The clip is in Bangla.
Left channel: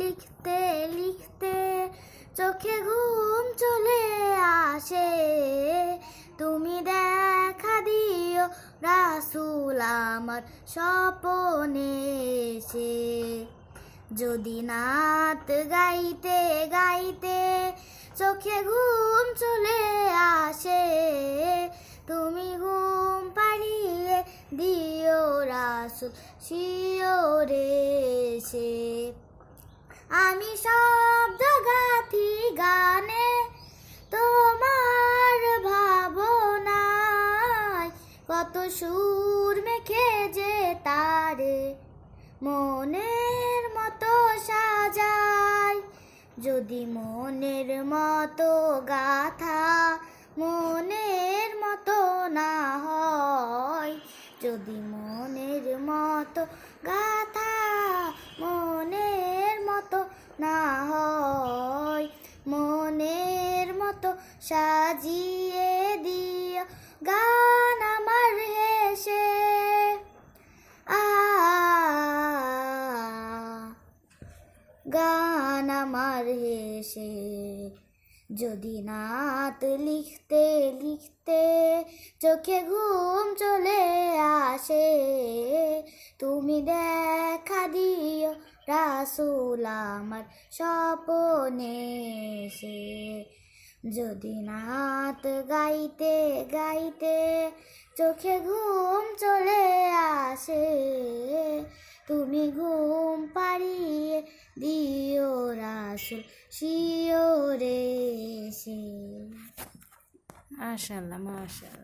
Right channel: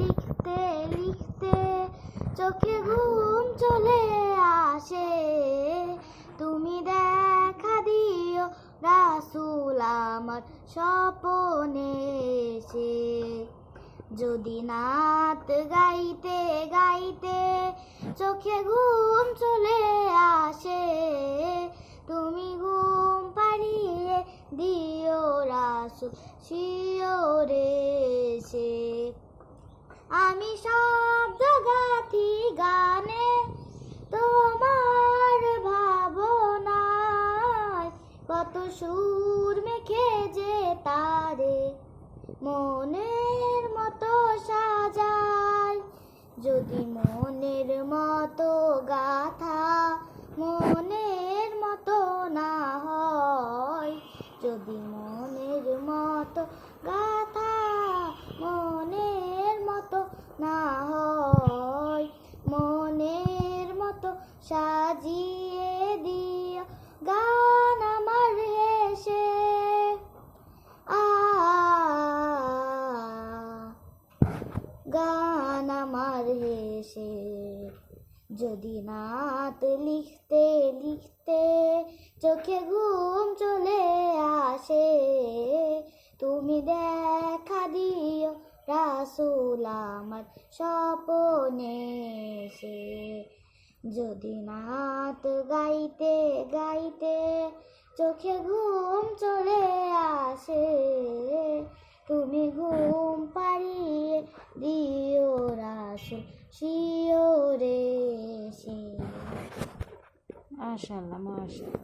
লিখতে লিখতে চোখে ঘুম চলে আসে, তুমি দেখা দিও রাসূল আমার স্বপনে এসে। যদি নাত গাইতে গাইতে চোখে ঘুম চলে আসে, তুমি ঘুম পাড়িয়ে দিও রাসূল শিওরে এসে। আমি শব্দ গাথি গানে তোমার ভাবনায়, কত সুর মেখে যে তারে মনের মতো সাজাই। যদি মনের মতো গাথা মনের মতো না হয়, যদি মনের মতো গাথা মনের মতো না হয়, মনের মতো সাজিয়ে দিও গান আমার হেসে। গান আমার হেসে। যদি নাত লিখতে লিখতে চোখে ঘুম চলে আসে, তুমি দেখা দিও রাসূল আমার স্বপনে এসে। যদি নাত গাইতে গাইতে চোখে ঘুম চলে আসে, তুমি ঘুম পাড়িয়ে দিও রাসূল শিওরে এসে। মাশাআল্লাহ, মাশাআল্লাহ।